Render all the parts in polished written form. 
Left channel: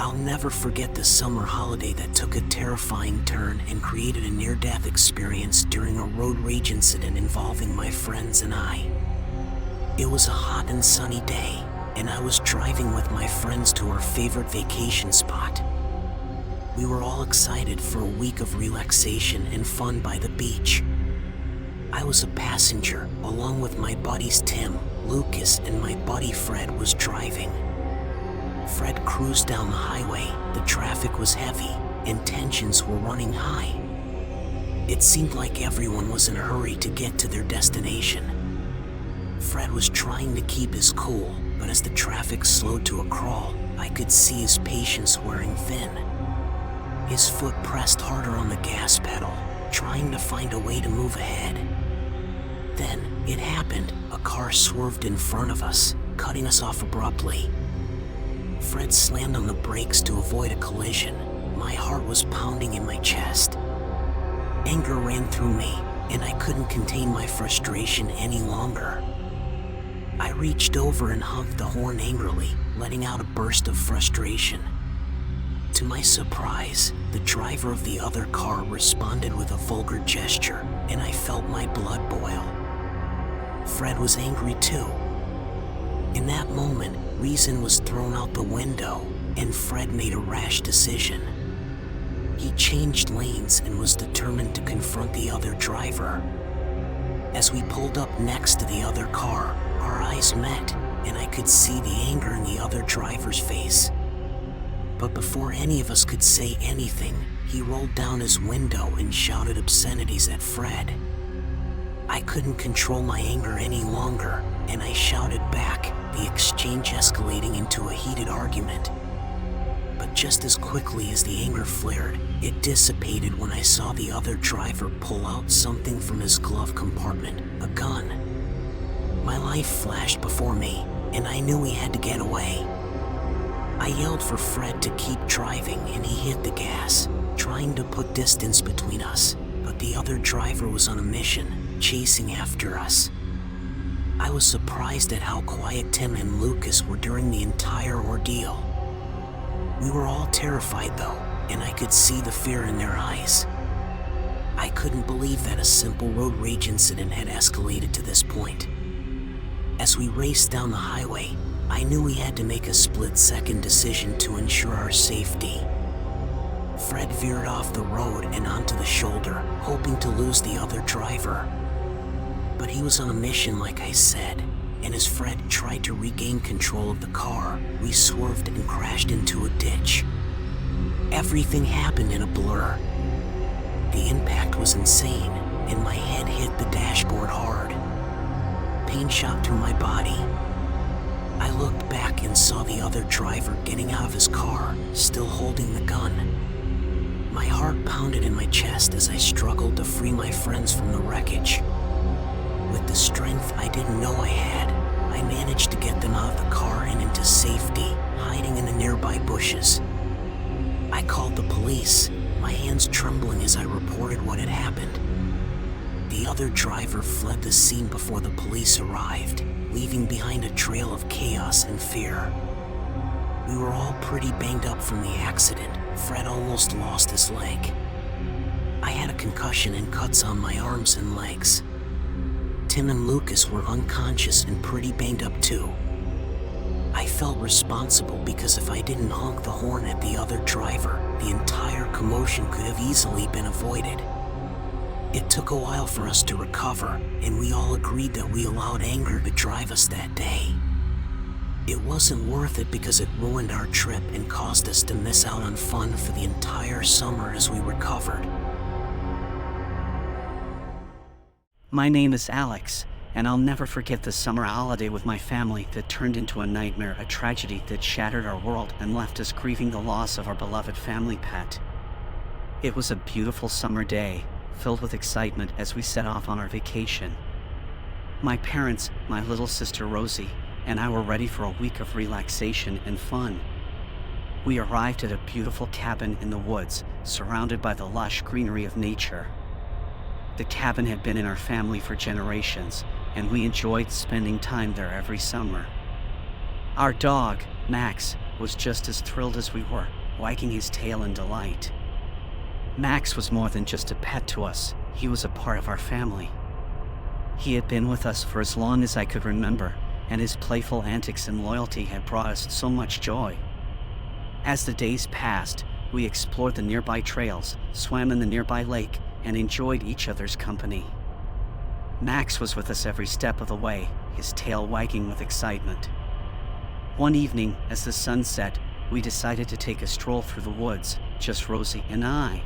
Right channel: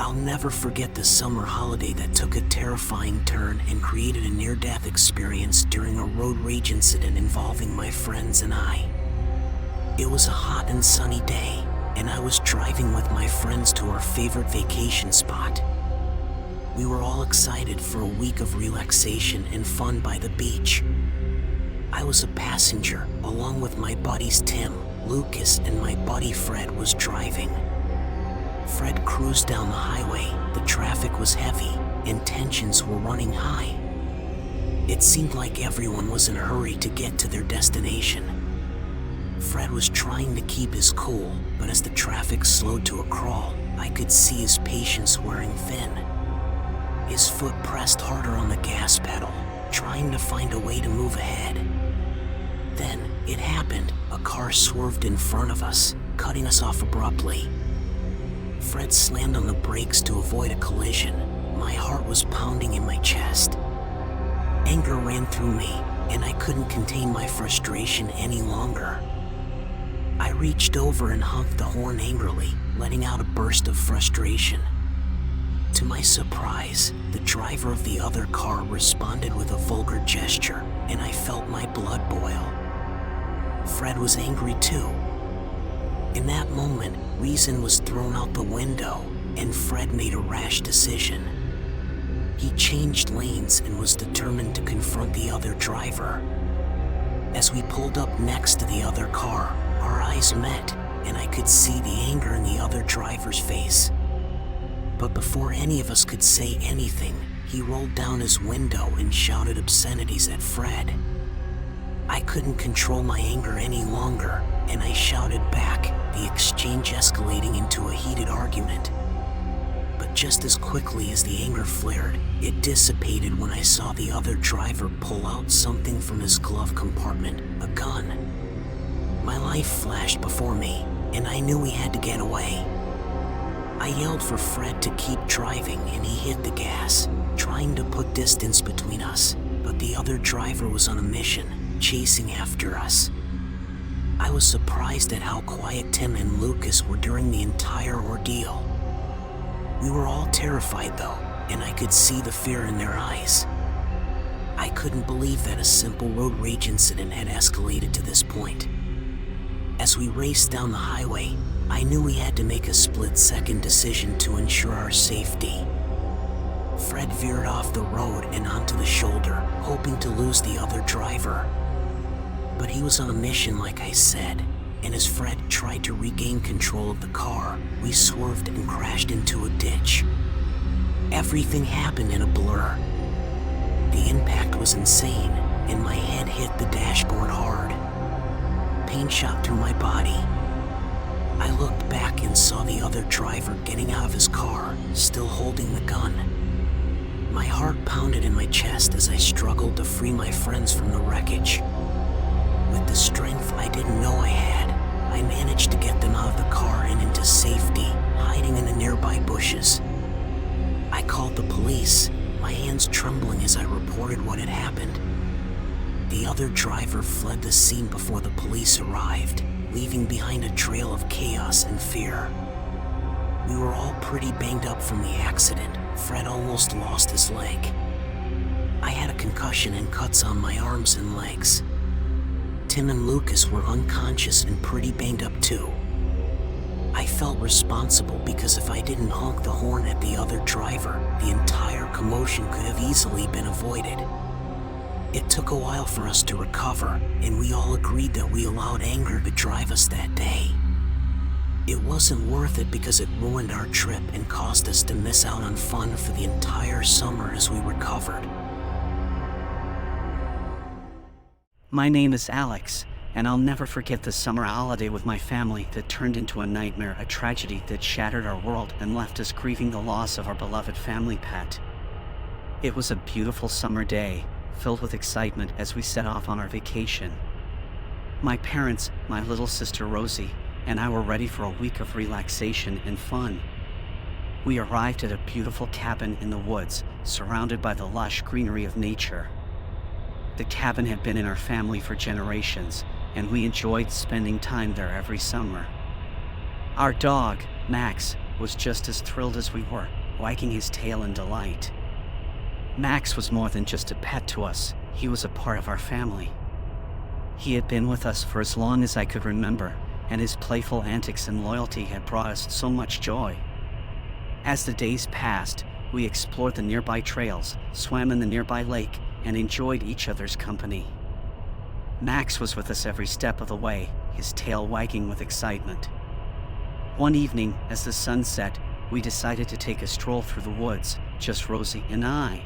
I'll never forget the summer holiday that took a terrifying turn and created a near-death experience during a road rage incident involving my friends and I. It was a hot and sunny day, and I was driving with my friends to our favorite vacation spot. We were all excited for a week of relaxation and fun by the beach. I was a passenger, along with my buddies Tim, Lucas, and my buddy Fred was driving. Fred cruised down the highway, the traffic was heavy, and tensions were running high. It seemed like everyone was in a hurry to get to their destination. Fred was trying to keep his cool, but as the traffic slowed to a crawl, I could see his patience wearing thin. His foot pressed harder on the gas pedal, trying to find a way to move ahead. Then, it happened. A car swerved in front of us, cutting us off abruptly. Fred slammed on the brakes to avoid a collision. My heart was pounding in my chest. Anger ran through me, and I couldn't contain my frustration any longer. I reached over and honked the horn angrily, letting out a burst of frustration. To my surprise, the driver of the other car responded with a vulgar gesture, and I felt my blood boil. Fred was angry too. In that moment, reason was thrown out the window, and Fred made a rash decision. He changed lanes and was determined to confront the other driver. As we pulled up next to the other car, our eyes met, and I could see the anger in the other driver's face. But before any of us could say anything, he rolled down his window and shouted obscenities at Fred. I couldn't control my anger any longer, and I shouted back, the exchange escalating into a heated argument. But just as quickly as the anger flared, it dissipated when I saw the other driver pull out something from his glove compartment, a gun. My life flashed before me, and I knew we had to get away. I yelled for Fred to keep driving, and he hit the gas, trying to put distance between us, but the other driver was on a mission, chasing after us. I was surprised at how quiet Tim and Lucas were during the entire ordeal. We were all terrified though, and I could see the fear in their eyes. I couldn't believe that a simple road rage incident had escalated to this point. As we raced down the highway, I knew we had to make a split-second decision to ensure our safety. Fred veered off the road and onto the shoulder, hoping to lose the other driver. But he was on a mission, like I said, and as Fred tried to regain control of the car, we swerved and crashed into a ditch. Everything happened in a blur. The impact was insane, and my head hit the dashboard hard. Pain shot through my body. I looked back and saw the other driver getting out of his car, still holding the gun. My heart pounded in my chest as I struggled to free my friends from the wreckage. With the strength I didn't know I had, I managed to get them out of the car and into safety, hiding in the nearby bushes. I called the police, my hands trembling as I reported what had happened. The other driver fled the scene before the police arrived, leaving behind a trail of chaos and fear. We were all pretty banged up from the accident. Fred almost lost his leg. I had a concussion and cuts on my arms and legs. Tim and Lucas were unconscious and pretty banged up too. I felt responsible because if I didn't honk the horn at the other driver, the entire commotion could have easily been avoided. It took a while for us to recover, and we all agreed that we allowed anger to drive us that day. It wasn't worth it because it ruined our trip and caused us to miss out on fun for the entire summer as we recovered. My name is Alex, and I'll never forget the summer holiday with my family that turned into a nightmare, a tragedy that shattered our world and left us grieving the loss of our beloved family pet. It was a beautiful summer day, filled with excitement as we set off on our vacation. My parents, my little sister Rosie, and I were ready for a week of relaxation and fun. We arrived at a beautiful cabin in the woods, surrounded by the lush greenery of nature. The cabin had been in our family for generations, and we enjoyed spending time there every summer. Our dog, Max, was just as thrilled as we were, wagging his tail in delight. Max was more than just a pet to us, he was a part of our family. He had been with us for as long as I could remember, and his playful antics and loyalty had brought us so much joy. As the days passed, we explored the nearby trails, swam in the nearby lake, and enjoyed each other's company. Max was with us every step of the way, his tail wagging with excitement. One evening, as the sun set, we decided to take a stroll through the woods, just Rosie and I.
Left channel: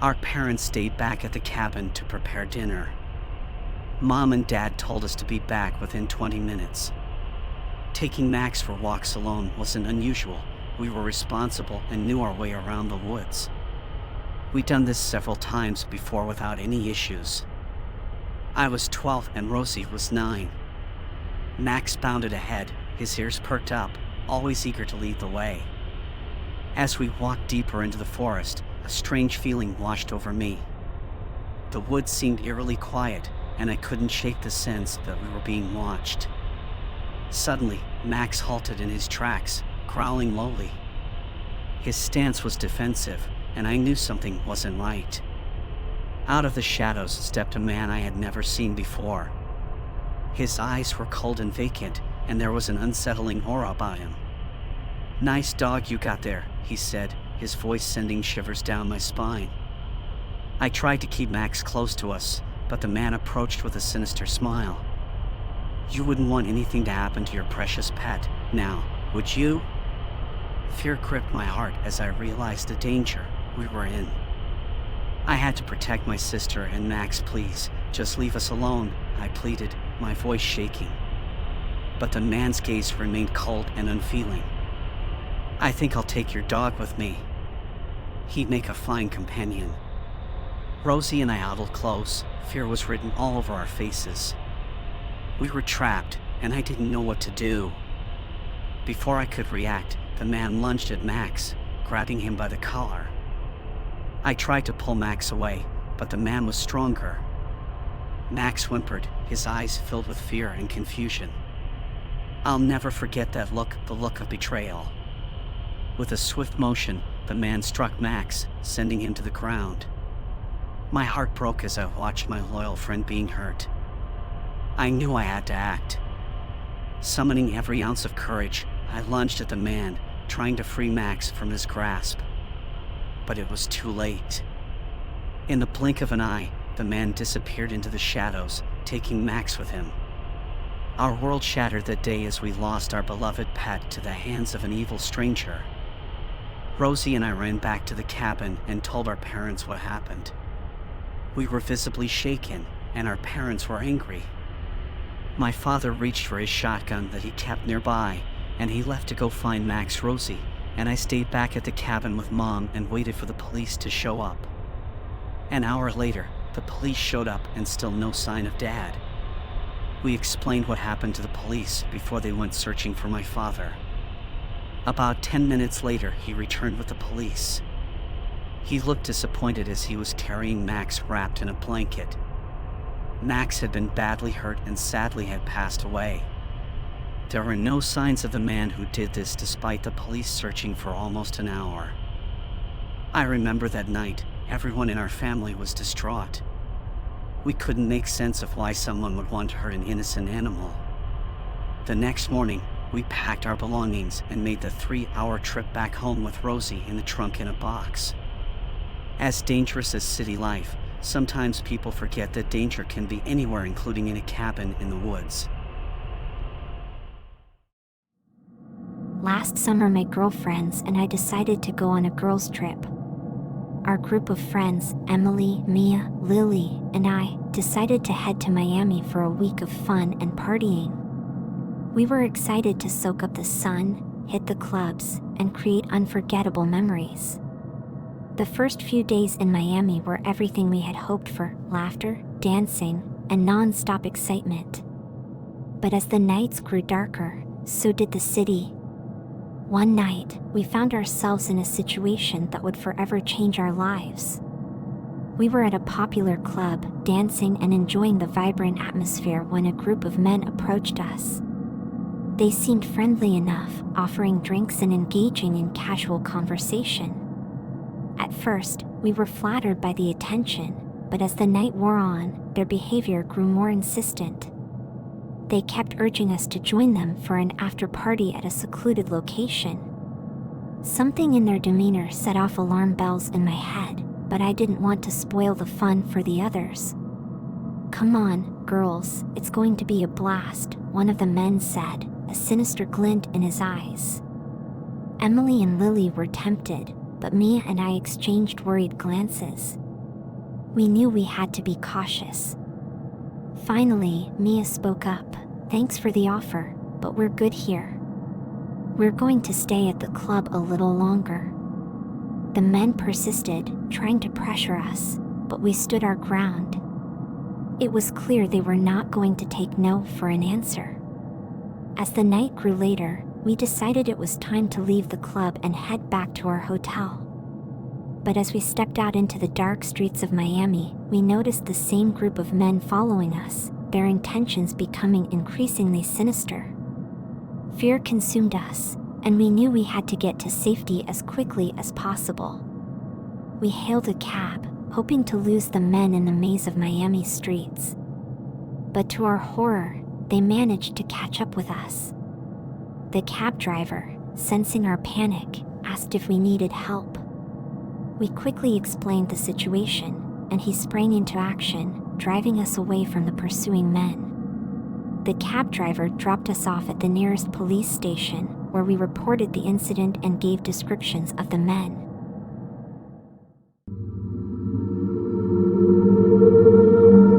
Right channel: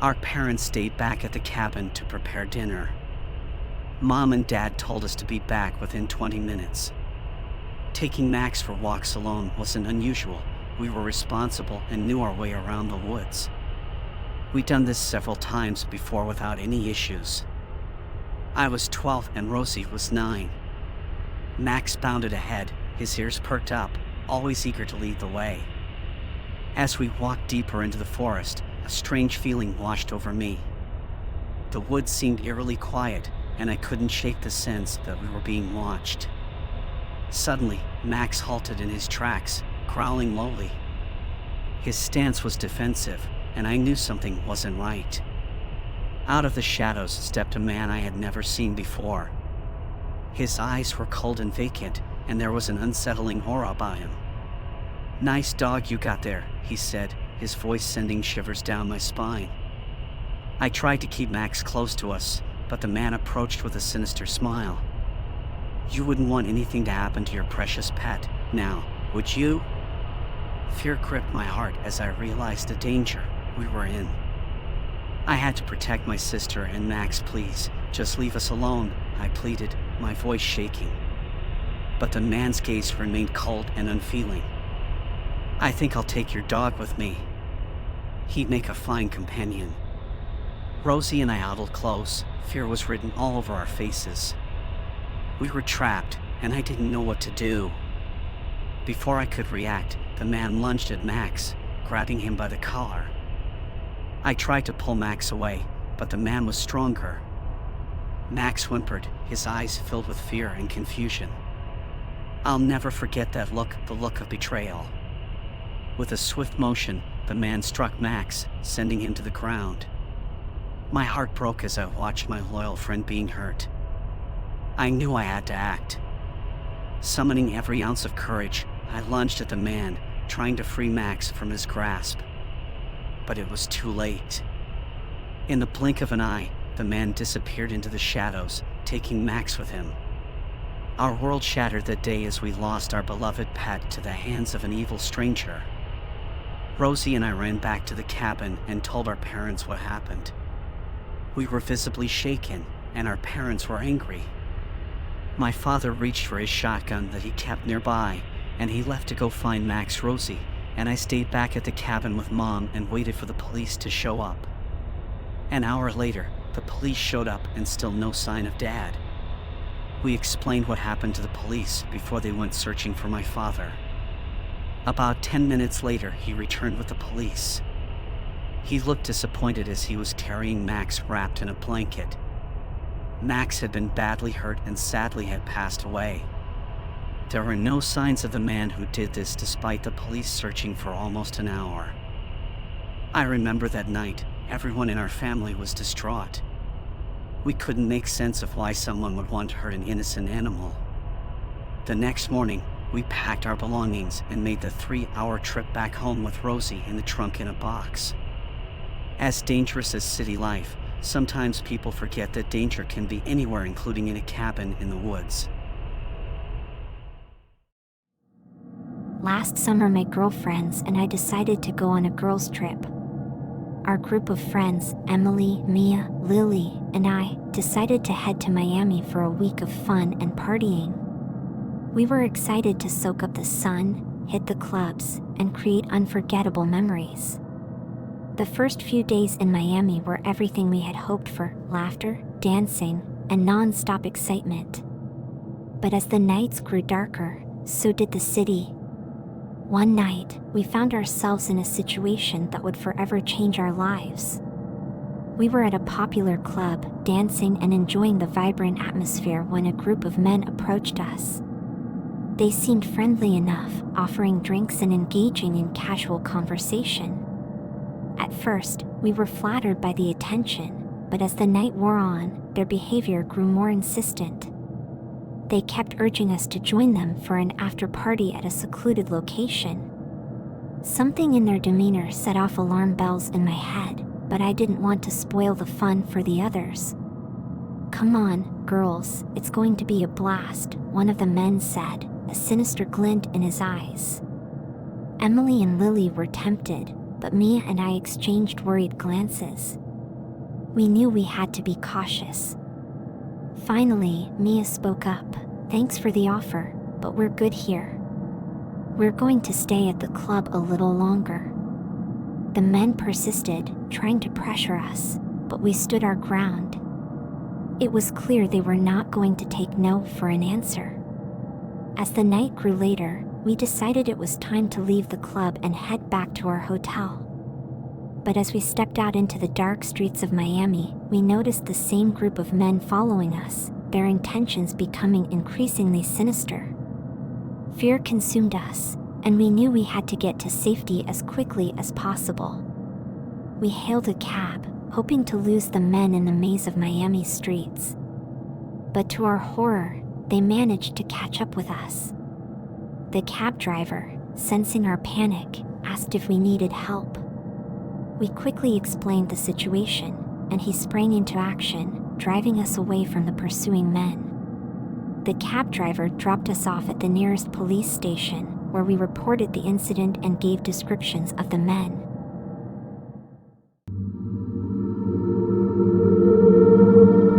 Our parents stayed back at the cabin to prepare dinner. Mom and Dad told us to be back within 20 minutes. Taking Max for walks alone wasn't unusual. We were responsible and knew our way around the woods. We'd done this several times before without any issues. I was 12 and Rosie was 9. Max bounded ahead, his ears perked up, always eager to lead the way. As we walked deeper into the forest, a strange feeling washed over me. The woods seemed eerily quiet, and I couldn't shake the sense that we were being watched. Suddenly, Max halted in his tracks, growling lowly. His stance was defensive, and I knew something wasn't right. Out of the shadows stepped a man I had never seen before. His eyes were cold and vacant, and there was an unsettling aura about him. "Nice dog you got there," he said, his voice sending shivers down my spine. I tried to keep Max close to us, but the man approached with a sinister smile. "You wouldn't want anything to happen to your precious pet, now, would you?" Fear gripped my heart as I realized the danger we were in. I had to protect my sister and Max, please. Just leave us alone, I pleaded, my voice shaking. But the man's gaze remained cold and unfeeling. "I think I'll take your dog with me. He'd make a fine companion." Rosie and I huddled close. Fear was written all over our faces. We were trapped, and I didn't know what to do. Before I could react, the man lunged at Max, grabbing him by the collar. I tried to pull Max away, but the man was stronger. Max whimpered, his eyes filled with fear and confusion. I'll never forget that look, the look of betrayal. With a swift motion, the man struck Max, sending him to the ground. My heart broke as I watched my loyal friend being hurt. I knew I had to act. Summoning every ounce of courage, I lunged at the man, trying to free Max from his grasp. But it was too late. In the blink of an eye, the man disappeared into the shadows, taking Max with him. Our world shattered that day as we lost our beloved pet to the hands of an evil stranger. Rosie and I ran back to the cabin and told our parents what happened. We were visibly shaken, and our parents were angry. My father reached for his shotgun that he kept nearby, and he left to go find Max, Rosie, and I stayed back at the cabin with Mom and waited for the police to show up. An hour later, the police showed up and still no sign of Dad. We explained what happened to the police before they went searching for my father. About 10 minutes later, he returned with the police. He looked disappointed as he was carrying Max wrapped in a blanket. Max had been badly hurt and sadly had passed away. There were no signs of the man who did this despite the police searching for almost an hour. I remember that night, everyone in our family was distraught. We couldn't make sense of why someone would want to hurt an innocent animal. The next morning, we packed our belongings and made the 3-hour trip back home with Rosie in the trunk in a box. As dangerous as city life, sometimes people forget that danger can be anywhere, including in a cabin in the woods. Last summer, my girlfriends and I decided to go on a girls' trip. Our group of friends, Emily, Mia, Lily, and I, decided to head to Miami for a week of fun and partying. We were excited to soak up the sun, hit the clubs, and create unforgettable memories. The first few days in Miami were everything we had hoped for: laughter, dancing, and non-stop excitement. But as the nights grew darker, so did the city. One night, we found ourselves in a situation that would forever change our lives. We were at a popular club, dancing and enjoying the vibrant atmosphere when a group of men approached us. They seemed friendly enough, offering drinks and engaging in casual conversation. At first, we were flattered by the attention, but as the night wore on, their behavior grew more insistent. They kept urging us to join them for an after-party at a secluded location. Something in their demeanor set off alarm bells in my head, but I didn't want to spoil the fun for the others. "Come on, girls, it's going to be a blast," one of the men said, a sinister glint in his eyes. Emily and Lily were tempted, but Mia and I exchanged worried glances. We knew we had to be cautious. Finally, Mia spoke up. "Thanks for the offer, but we're good here. We're going to stay at the club a little longer." The men persisted, trying to pressure us, but we stood our ground. It was clear they were not going to take no for an answer. As the night grew later, we decided it was time to leave the club and head back to our hotel. But as we stepped out into the dark streets of Miami, we noticed the same group of men following us, their intentions becoming increasingly sinister. Fear consumed us, and we knew we had to get to safety as quickly as possible. We hailed a cab, hoping to lose the men in the maze of Miami streets. But to our horror, they managed to catch up with us. The cab driver, sensing our panic, asked if we needed help. We quickly explained the situation, and he sprang into action, driving us away from the pursuing men. The cab driver dropped us off at the nearest police station, where we reported the incident and gave descriptions of the men.